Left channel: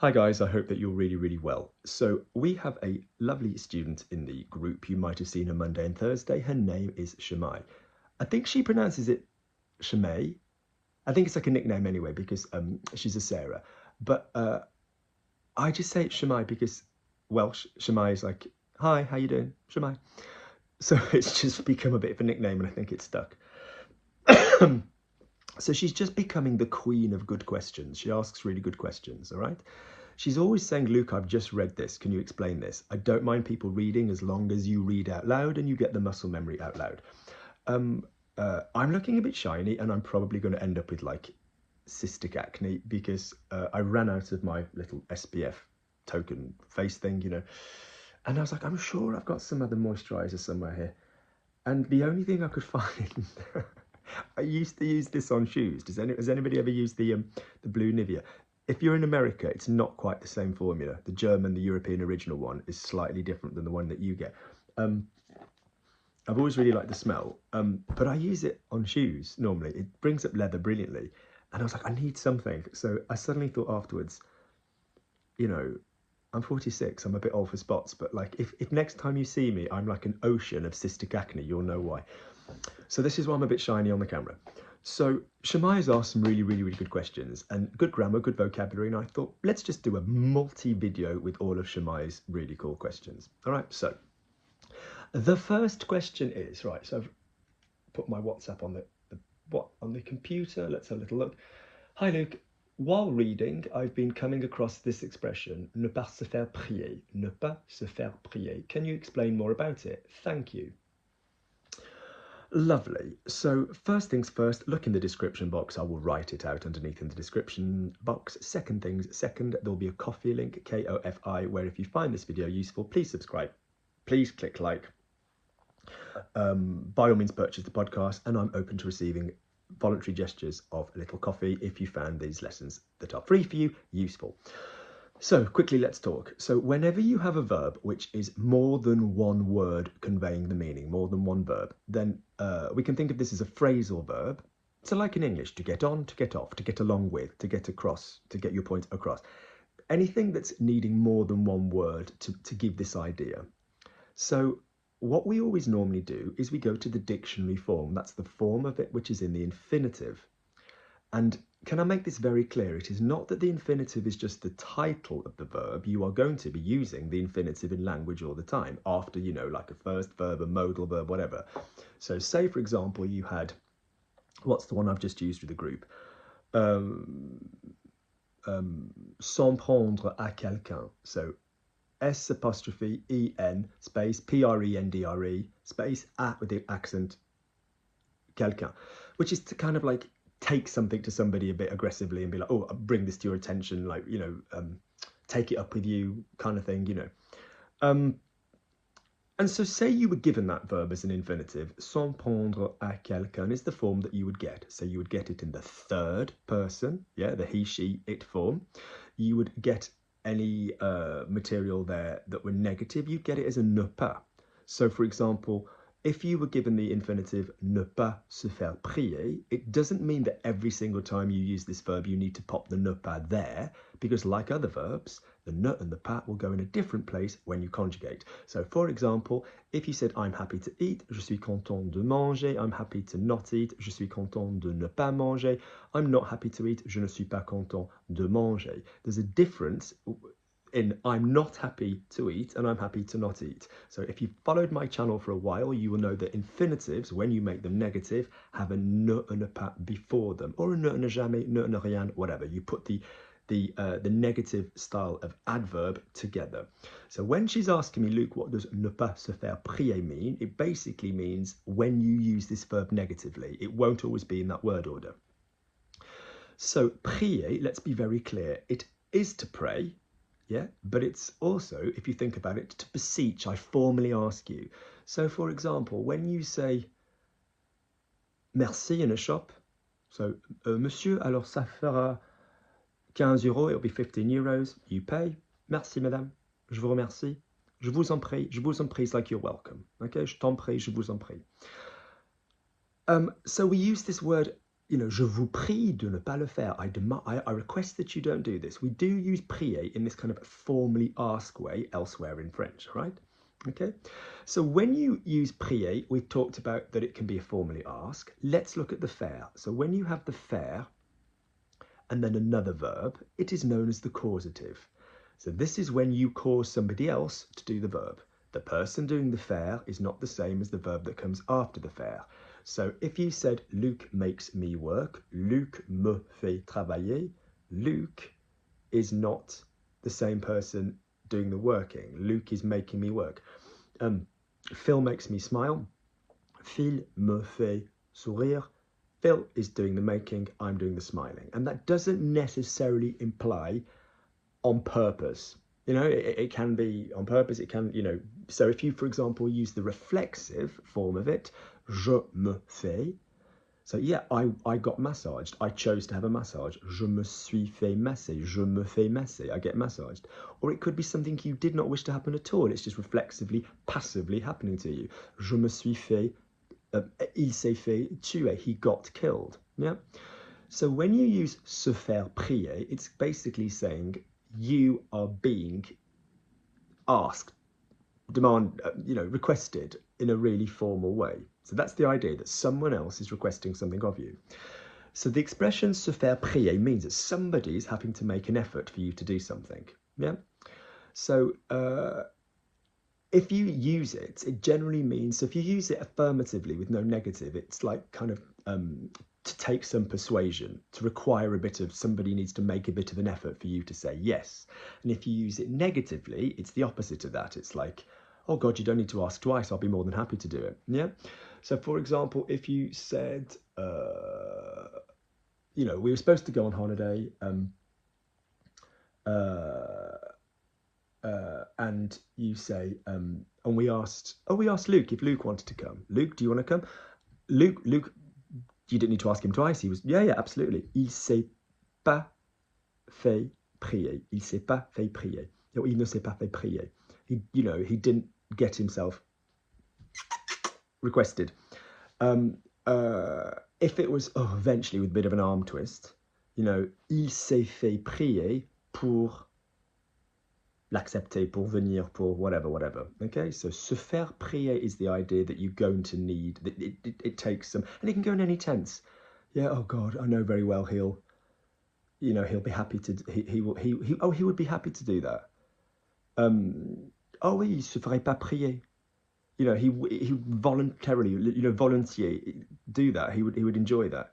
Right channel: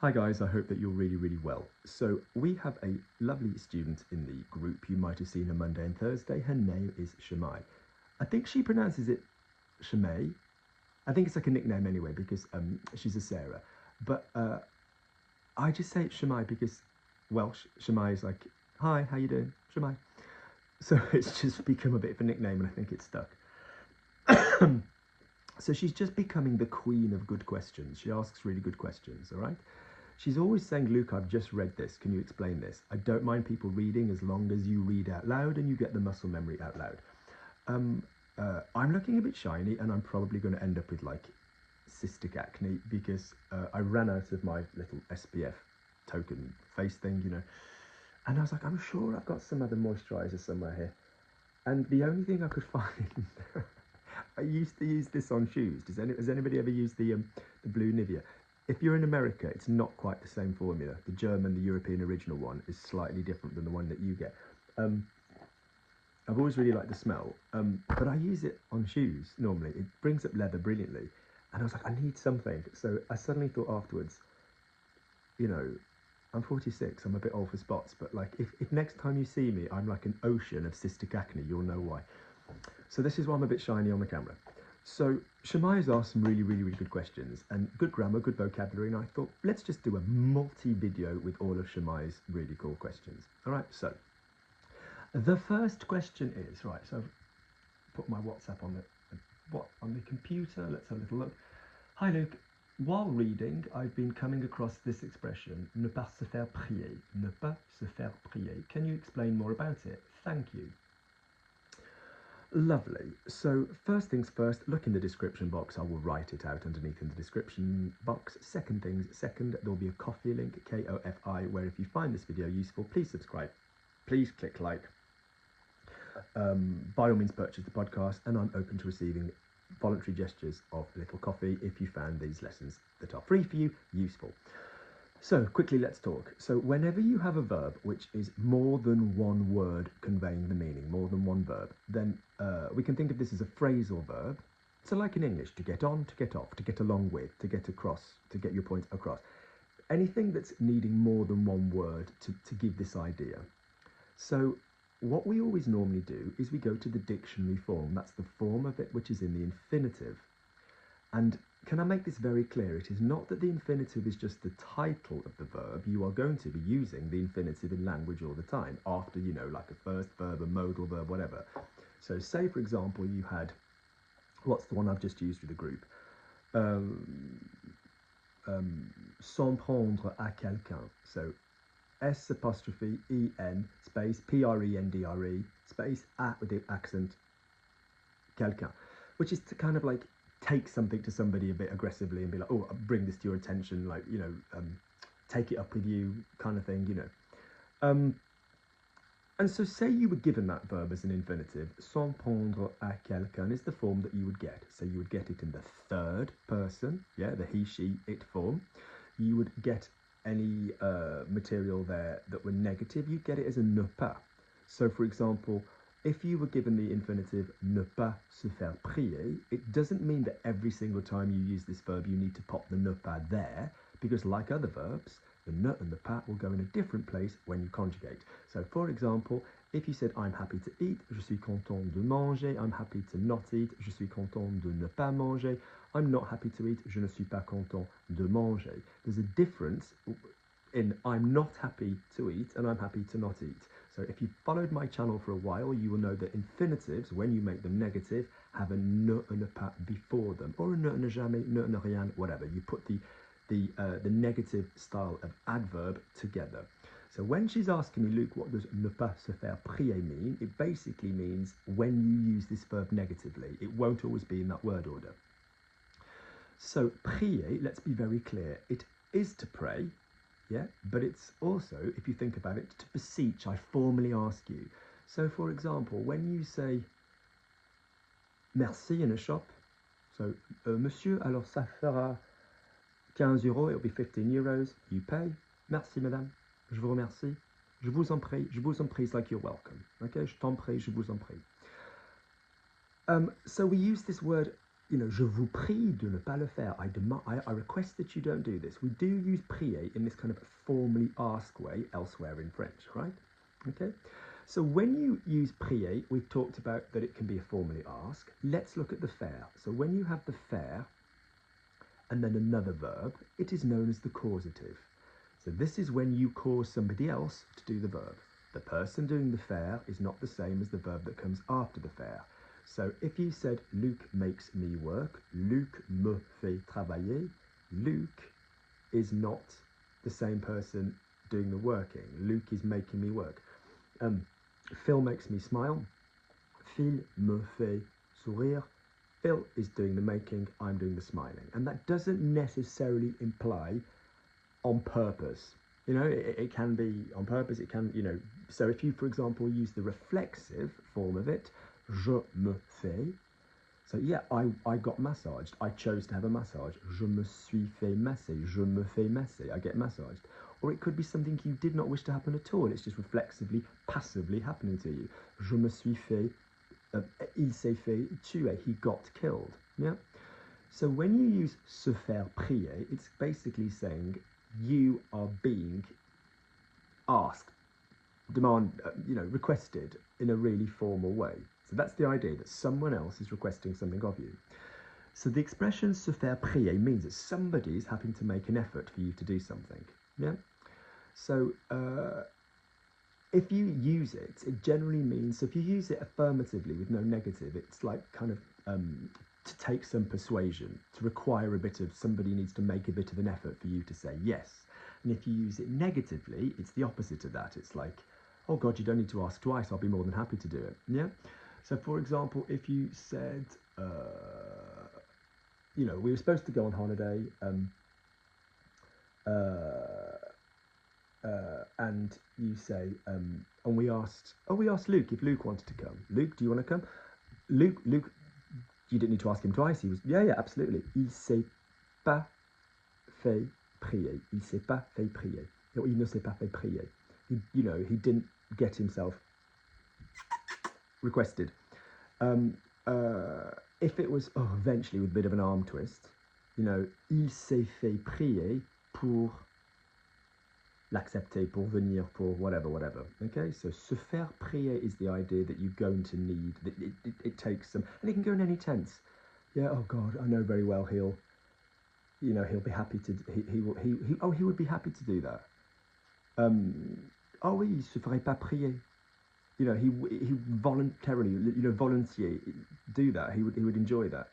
Hi guys, I hope that you're really well. So we have a lovely student in the group. You might have seen her Monday and Thursday. Her name is Shamae. I think she pronounces it Shamae. I think it's like a nickname anyway because she's a Sarah. But I just say it Shamae because Welsh Shamae is like, hi, how you doing? Shamae. So it's just become a bit of a nickname and I think it's stuck. So she's just becoming the queen of good questions. She asks really good questions, all right? She's always saying, Luke, I've just read this. Can you explain this? I don't mind people reading as long as you read out loud and you get the muscle memory out loud. I'm looking a bit shiny and I'm probably going to end up with like cystic acne because I ran out of my little SPF token face thing, you know. And I was like, I'm sure I've got some other moisturizer somewhere here. And the only thing I could find, I used to use this on shoes. Has anybody ever used the blue Nivea? If you're in America, it's not quite the same formula. The German, the European original one is slightly different than the one that you get. I've always really liked the smell, but I use it on shoes normally. It brings up leather brilliantly. And I was like, I need something. So I suddenly thought afterwards, you know, I'm 46, I'm a bit old for spots, but like if next time you see me, I'm like an ocean of cystic acne, you'll know why. So this is why I'm a bit shiny on the camera. So Shamae has asked some really good questions and good grammar, good vocabulary, and I thought, let's just do a multi-video with all of Shamae's really cool questions. All right, so the first question is, right, so I've put my WhatsApp on the computer. Let's have a little look. Hi Luke, while reading, I've been coming across this expression, ne pas se faire prier. Ne pas se faire prier. Can you explain more about it? Thank you. Lovely. So first things first, look in the description box. I will write it out underneath in the description box. Second, there'll be a Kofi link, K-O-F-I, where if you find this video useful, please subscribe. Please click like. By all means, purchase the podcast, and I'm open to receiving voluntary gestures of a little coffee if you found these lessons that are free for you useful. So quickly, let's talk. So whenever you have a verb which is more than one word conveying the meaning, more than one verb, then we can think of this as a phrasal verb. So like in English, to get on, to get off, to get along with, to get across, to get your point across. Anything that's needing more than one word to give this idea. So what we always normally do is we go to the dictionary form. That's the form of it which is in the infinitive. And can I make this very clear? It is not that the infinitive is just the title of the verb. You are going to be using the infinitive in language all the time after, you know, like a first verb, a modal verb, whatever. So say, for example, you had, what's the one I've just used with the group? S'en prendre à quelqu'un. So S apostrophe E-N space P-R-E-N-D-R-E space A with the accent quelqu'un, which is to kind of like take something to somebody a bit aggressively and be like, oh, I'll bring this to your attention, like, you know, take it up with you kind of thing, you know. And so say you were given that verb as an infinitive, s'en prendre à quelqu'un is the form that you would get. So you would get it in the third person, yeah, the he, she, it form. You would get any material there that were negative, you'd get it as a ne pas. So for example, if you were given the infinitive ne pas se faire prier, it doesn't mean that every single time you use this verb you need to pop the ne pas there, because like other verbs, the ne and the pas will go in a different place when you conjugate. So for example, if you said I'm happy to eat, je suis content de manger, I'm happy to not eat, je suis content de ne pas manger, I'm not happy to eat, je ne suis pas content de manger. There's a difference in I'm not happy to eat and I'm happy to not eat. So if you've followed my channel for a while, you will know that infinitives, when you make them negative, have a ne and a pas before them, or a ne and a jamais, ne and a rien, whatever. You put the negative style of adverb together. So when she's asking me, Luke, what does ne pas se faire prier mean? It basically means when you use this verb negatively. It won't always be in that word order. So prier, let's be very clear, it is to pray, yeah, but it's also, if you think about it, to beseech. I formally ask you. So for example, when you say merci in a shop, so monsieur, alors ça fera 15 euros, it'll be 15 euros, you pay, merci madame, je vous remercie, je vous en prie is like you're welcome, okay, je t'en prie, je vous en prie. So we use this word je vous prie de ne pas le faire. I request that you don't do this. We do use prier in this kind of formally ask way elsewhere in French, right? Okay. So when you use prier, we've talked about that it can be a formally ask. Let's look at the faire. So when you have the faire and then another verb, it is known as the causative. So this is when you cause somebody else to do the verb. The person doing the faire is not the same as the verb that comes after the faire. So if you said Luc makes me work, Luc me fait travailler, Luc is not the same person doing the working. Luc is making me work. Phil makes me smile, Phil me fait sourire. Phil is doing the making, I'm doing the smiling. And that doesn't necessarily imply on purpose. It can be on purpose, it can, so if you, for example, use the reflexive form of it, je me fais, so yeah, I got massaged, I chose to have a massage, je me suis fait masser, je me fais masser, I get massaged. Or it could be something you did not wish to happen at all, it's just reflexively, passively happening to you. Je me suis fait, il s'est fait tuer, he got killed. Yeah. So when you use se faire prier, it's basically saying you are being asked, requested in a really formal way. So that's the idea, that someone else is requesting something of you. So the expression se faire prier means that somebody is having to make an effort for you to do something. Yeah. So if you use it, it generally means, so if you use it affirmatively with no negative, it's like kind of to take some persuasion, to require a bit of, somebody needs to make a bit of an effort for you to say yes. And if you use it negatively, it's the opposite of that. It's like, oh God, you don't need to ask twice, I'll be more than happy to do it. Yeah. So for example, if you said, we were supposed to go on holiday, and you say, and we asked Luke if Luke wanted to come. Luke, do you want to come? Luke, you didn't need to ask him twice. He was, yeah, absolutely. Il s'est pas fait prier. Il s'est pas fait prier. No, il ne s'est pas fait prier. He didn't get himself requested. If it was, eventually with a bit of an arm twist, il s'est fait prier pour l'accepter, pour venir, pour whatever. Okay, so se faire prier is the idea that you're going to need, that it takes some, and it can go in any tense. Yeah, oh God, I know very well he'll be happy to, he would be happy to do that. Oh oui, il se ferait pas prier. He voluntarily, volontiers do that. He would enjoy that.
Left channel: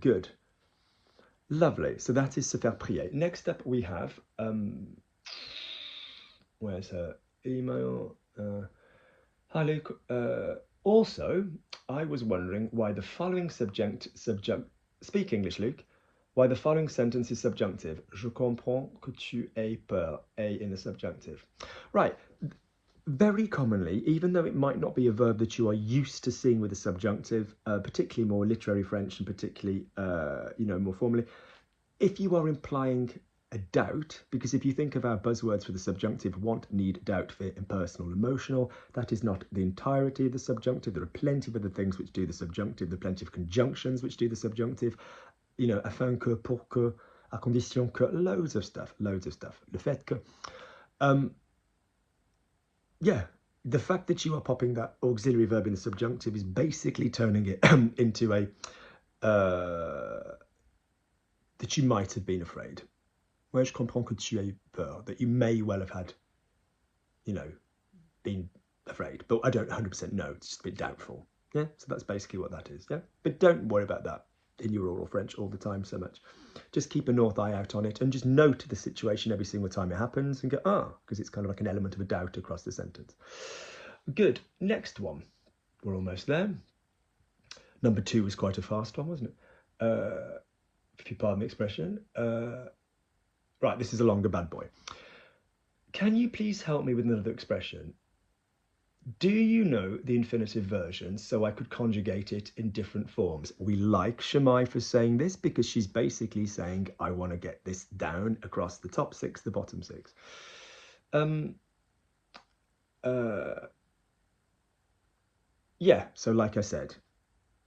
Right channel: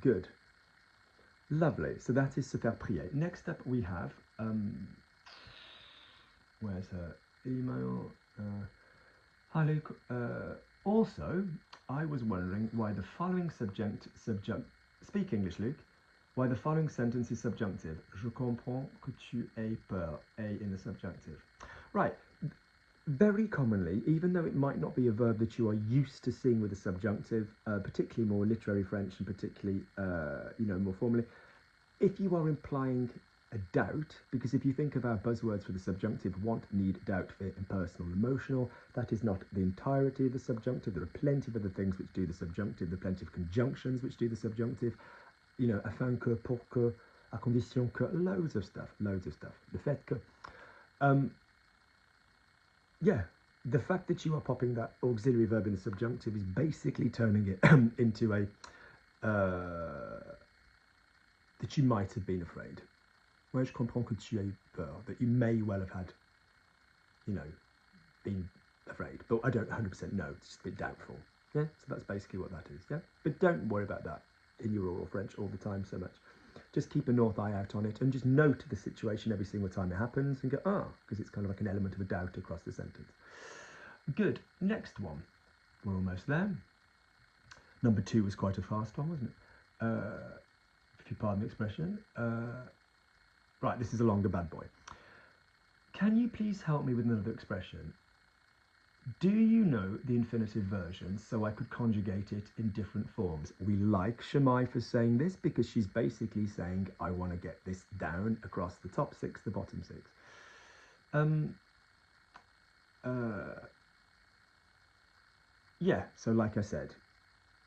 Good. Lovely. So that is se faire prier. Next up we have, where's her email? Hi Luke. Also, I was wondering why the following speak English, Luke. Why the following sentence is subjunctive. Je comprends que tu aies peur. A in the subjunctive. Right. Very commonly, even though it might not be a verb that you are used to seeing with a subjunctive, particularly more literary French and particularly, more formally, if you are implying a doubt, because if you think of our buzzwords for the subjunctive, want, need, doubt, fear, impersonal, emotional, that is not the entirety of the subjunctive. There are plenty of other things which do the subjunctive. There are plenty of conjunctions which do the subjunctive. Afin que, pour que, à condition que, loads of stuff. Le fait que, yeah, the fact that you are popping that auxiliary verb in the subjunctive is basically turning it into a, that you might have been afraid. Ouais, je comprends que tu aies peur, that you may well have had, been afraid, but I don't 100% know, it's just a bit doubtful. Yeah, so that's basically what that is, yeah? But don't worry about that in your oral French all the time so much. Just keep a north eye out on it and just note the situation every single time it happens and go, because it's kind of like an element of a doubt across the sentence. Good, next one. We're almost there. Number 2 was quite a fast one, wasn't it? If you pardon the expression. Right, this is a longer bad boy. Can you please help me with another expression? Do you know the infinitive version so I could conjugate it in different forms? We like Shamae for saying this because she's basically saying, I want to get this down across the top 6, the bottom 6. Yeah, so like I said,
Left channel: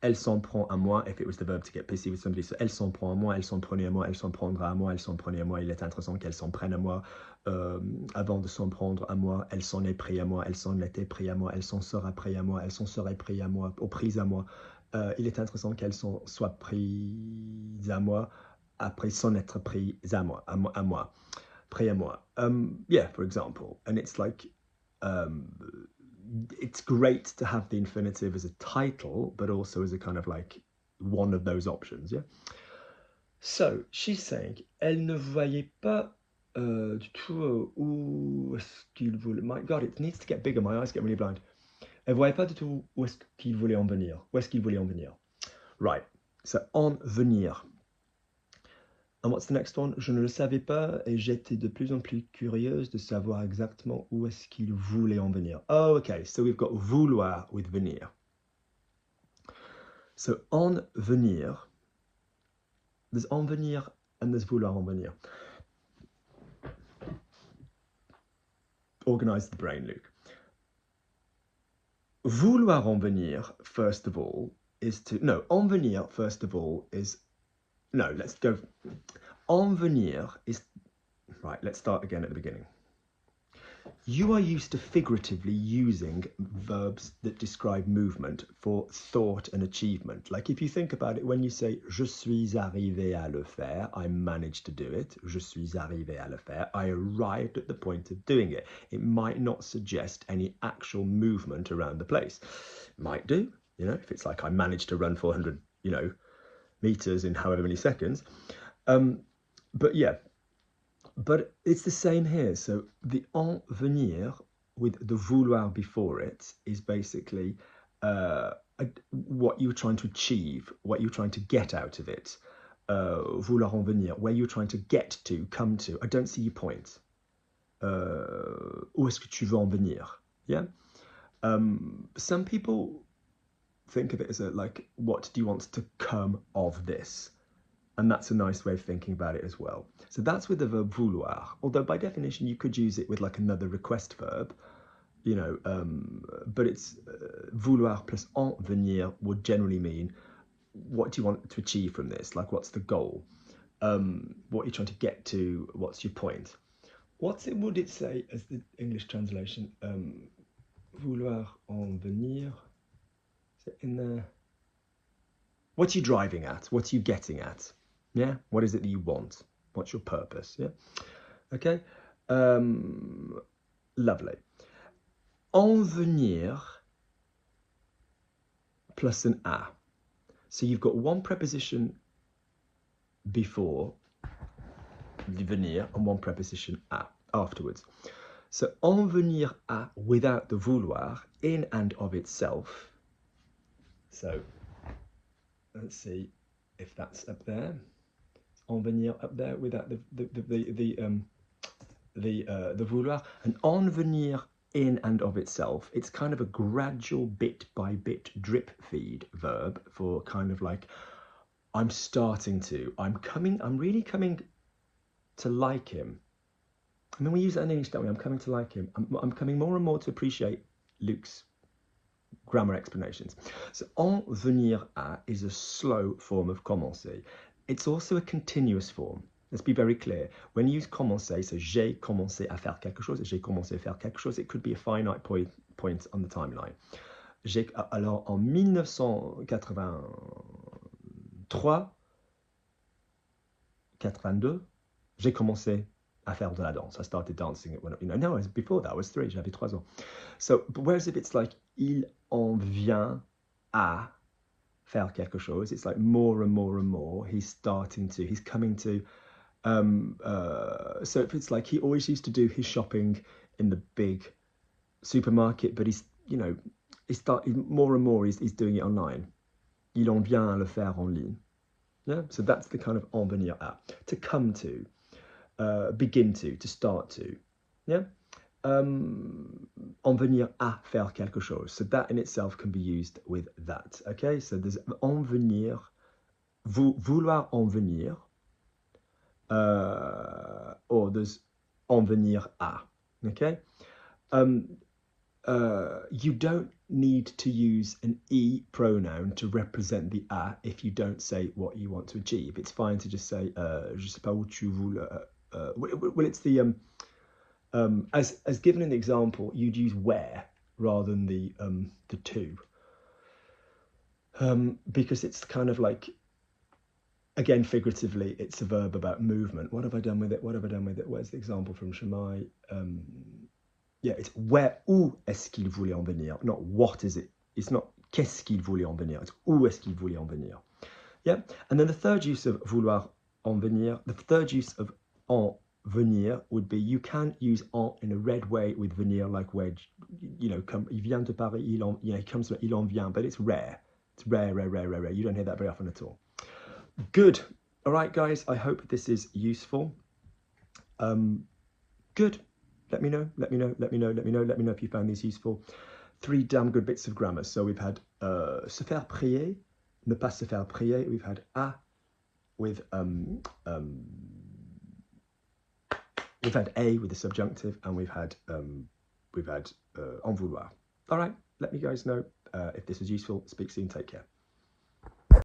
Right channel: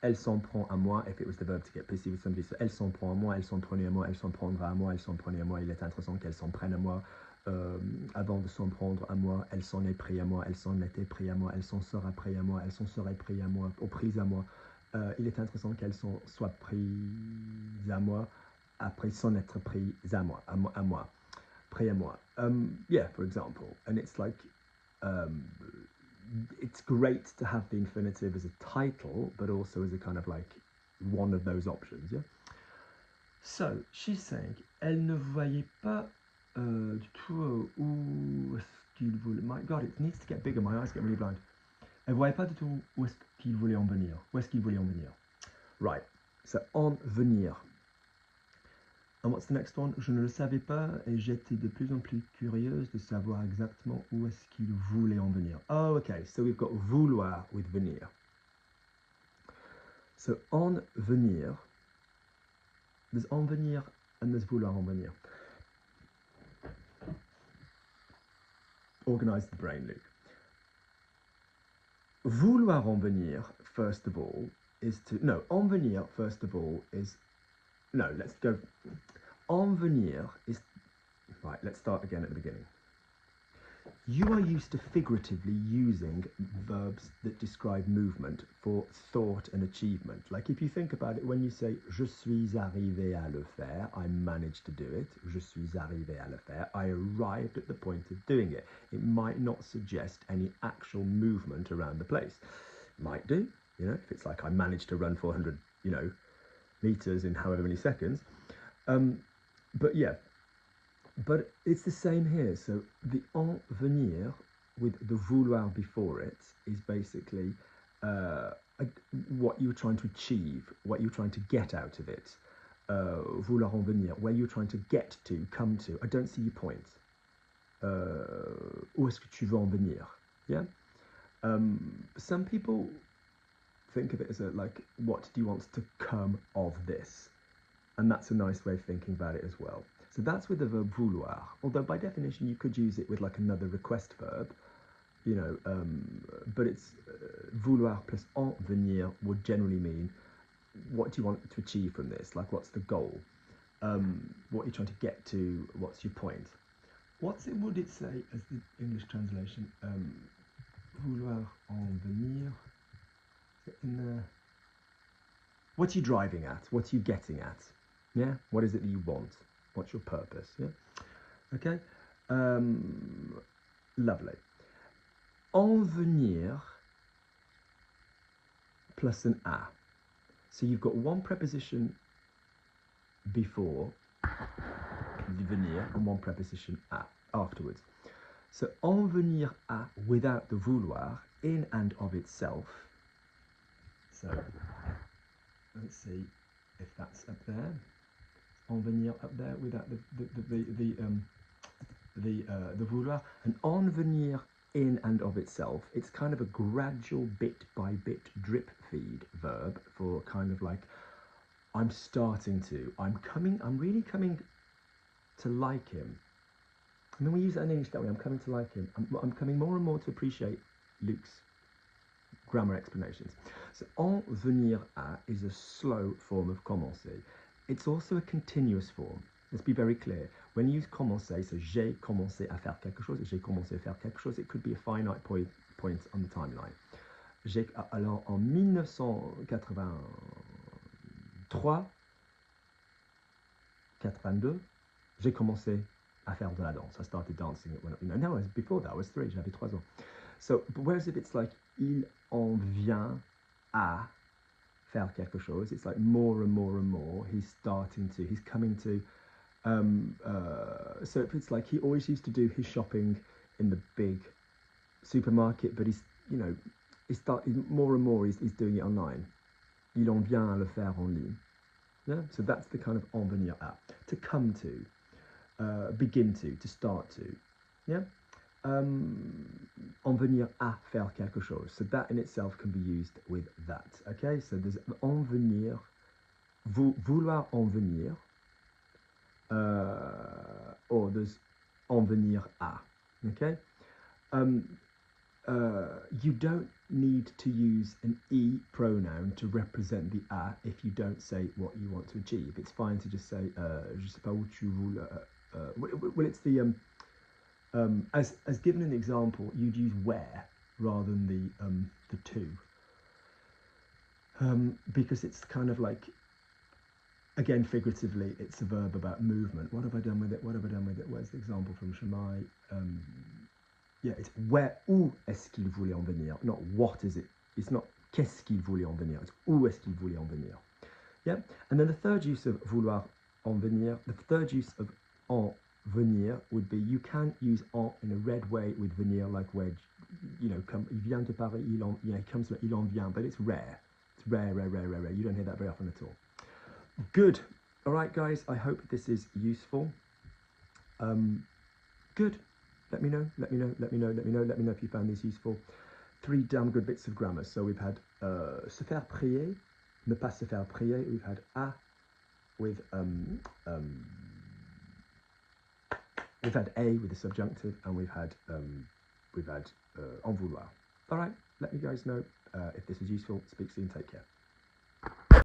elle s'en prend à moi, if it was the verb to get pissy with somebody. So elle s'en prend à moi, elle s'en prenait à moi, elle s'en prendra à moi, elle s'en prenait à moi. Il est intéressant qu'elle s'en prenne à moi. Avant de s'en prendre à moi, elle s'en est pris à moi, elle s'en était pris à moi, elle s'en sera pris à moi, elle s'en serait pris à moi, ou prise à moi. Il est intéressant qu'elle s'en soit prise à moi, après s'en être prise à moi, à moi, pris à moi. Yeah, for example, and it's like, it's great to have the infinitive as a title, but also as a kind of like one of those options, yeah? So, she's saying, elle ne voyait pas du tout où est-ce qu'il voulait... My God, it needs to get bigger, my eyes get really blind. Elle voyait pas du tout où est-ce qu'il voulait en venir. Où est-ce qu'il voulait en venir? Right, so en venir. And what's the next one? Je ne le savais pas et j'étais de plus en plus curieuse de savoir exactement où est-ce qu'il voulait en venir. Oh, okay, so we've got vouloir with venir. So en venir, there's en venir and there's vouloir en venir. Organize the brain, Luke. Vouloir en venir, first of all, is to... No, en venir, first of all, is... No, let's go... En venir is... Right, let's start again at the beginning. You are used to figuratively using verbs that describe movement for thought and achievement. Like if you think about it, when you say « Je suis arrivé à le faire », I managed to do it. « Je suis arrivé à le faire », I arrived at the point of doing it. It might not suggest any actual movement around the place. Might do, you know, if it's like I managed to run 400, you know, meters in however many seconds. But yeah. But it's the same here. So the en venir with the vouloir before it is basically what you're trying to achieve, what you're trying to get out of it. Vouloir en venir, where you're trying to get to, come to. I don't see your point. Où est-ce que tu veux en venir? Yeah. Some people think of it as like, what do you want to come of this? And that's a nice way of thinking about it as well. So that's with the verb vouloir, although by definition you could use it with like another request verb, you know, but it's vouloir plus en venir would generally mean, what do you want to achieve from this? Like, what's the goal? What you're trying to get to, what's your point? Would it say as the English translation? Vouloir en venir, is it in there? What are you driving at? What are you getting at? Yeah, what is it that you want? What's your purpose? Yeah, okay, lovely. En venir plus an a. So you've got one preposition before the venir and one preposition a afterwards. So en venir a without the vouloir, in and of itself. So let's see if that's up there. En venir up there without the vouloir. And en venir in and of itself, it's kind of a gradual bit by bit drip feed verb for kind of like, I'm really coming to like him. I mean, we use that in English, don't we? I'm coming to like him. I'm coming more and more to appreciate Luke's grammar explanations. So en venir à is a slow form of commencer. It's also a continuous form. Let's be very clear. When you use commencer, so j'ai commencé à faire quelque chose, j'ai commencé à faire quelque chose, it could be a finite point on the timeline. Alors en 1983, 82, j'ai commencé à faire de la danse. I started dancing it when, no, before that I was 3, j'avais 3 ans. So, whereas if it's like, il en vient à faire quelque chose, it's like more and more and more, he's coming to, so if it's like, he always used to do his shopping in the big supermarket, but he's, you know, more and more he's doing it online. Il en vient à le faire en ligne. Yeah, so that's the kind of en venir à, to come to, begin to start to. Yeah. En venir à faire quelque chose. So that in itself can be used with that. Okay, so there's en venir, vouloir en venir, or there's en venir à. Okay, you don't need to use an E pronoun to represent the a if you don't say what you want to achieve. It's fine to just say je sais pas où tu veux. Well, it's the as given in the example, you'd use where rather than the to, because it's kind of like, again, figuratively, it's a verb about movement. What have I done with it? What have I done with it? Where's the example from Shamae? Yeah, it's where, où est-ce qu'il voulait en venir? Not what is it? It's not qu'est-ce qu'il voulait en venir. It's où est-ce qu'il voulait en venir. Yeah, and then the third use of vouloir en venir, the third use of en venir would be, you can use en in a red way with venir, like where, you know, il vient de Paris, il comes from, il en vient, but it's rare. It's rare. You don't hear that very often at all. Good. All right, guys, I hope this is useful. Good. Let me know if you found these useful. 3 damn good bits of grammar. So we've had se faire prier, ne pas se faire prier. We've had a with we've had a with the subjunctive, and we've had en vouloir. All right, let me guys know if this was useful. Speak soon. Take care.